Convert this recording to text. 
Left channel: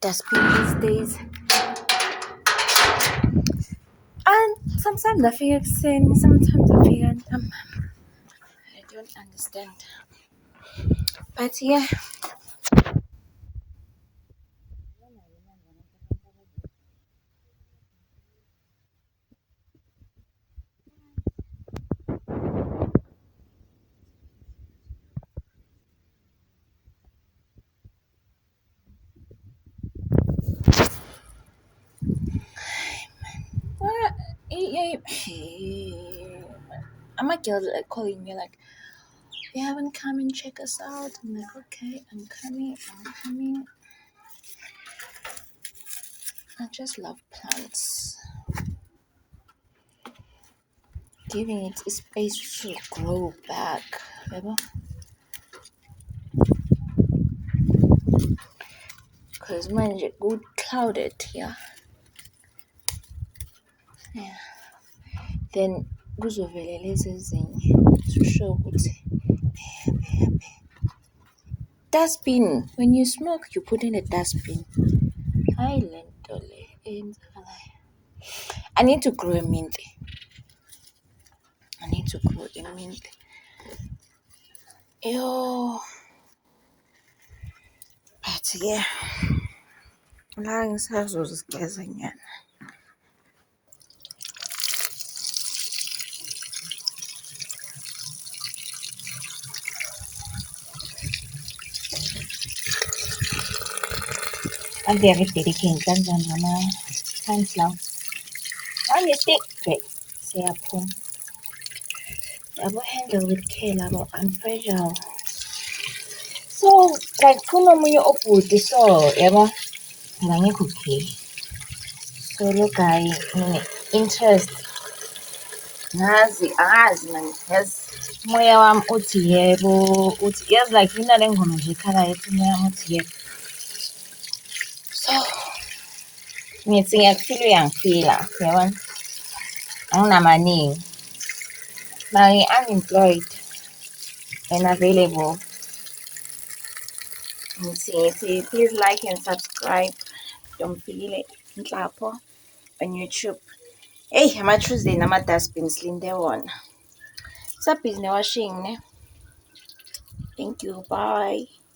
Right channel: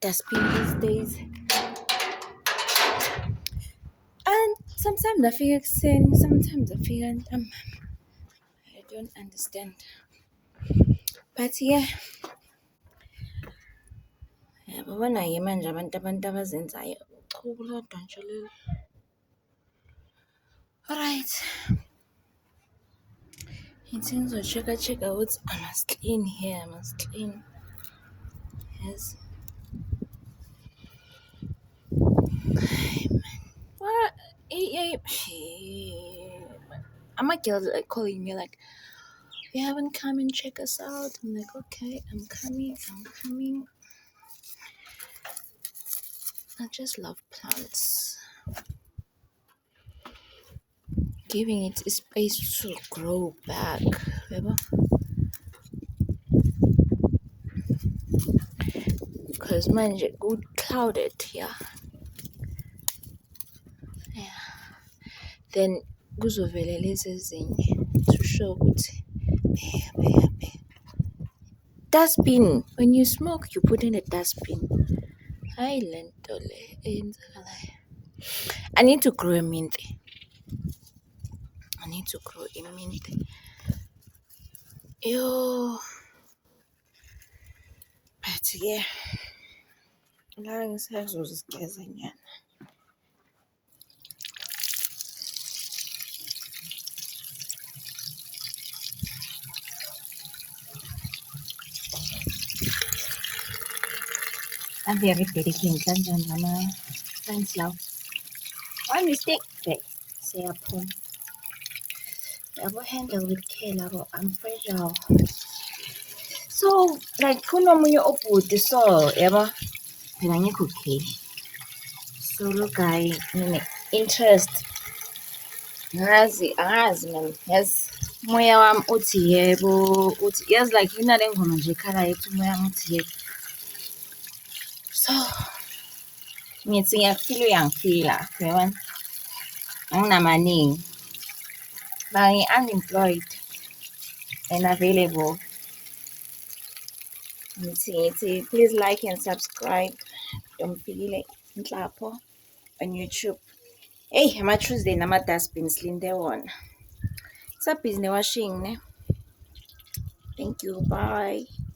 dustbin these days. And sometimes I feel sane, sometimes I feel I don't understand. But yeah, babanayo manje abantu abazenzayo ukulodwa nje lelo. Alright. Ngithi check ukuthi I must clean here, I must clean. Yes. What? My girls are calling me like, you haven't come and check us out. I'm like, okay, I'm coming. I just love plants. Giving it a space to grow back. Because manje good clouded here. Yeah. Then kuzovele lezi ezinye to show ukuthi dustbin. When you smoke, you put in a dustbin. I need to grow a mint. Yo. But yeah. La ngisazozigeza nyana. I'm very dedicated kanjani ama-times lawo. On your stick, great. Siyaphuma. Yabo handle with care labo, I'm fragile. So, like kunomunye obhuti so, yabo, mina ngekho okay. So lo guy interest angazi man, yes. Moya wami uthi yebo, uthi yazi like yina le ngoma nje ekhala yethi umoya wami uthi yebo. So ngithi ngiyakufila uyangifila, yabona? Anginamaningi. Now unemployed and available. Ngithi please like and subscribe. Don't forget Nhlapo on YouTube. Hey, ama-Tuesday nama-dustbins linde wona. Sabhizi ne-washing ne? Thank you, bye.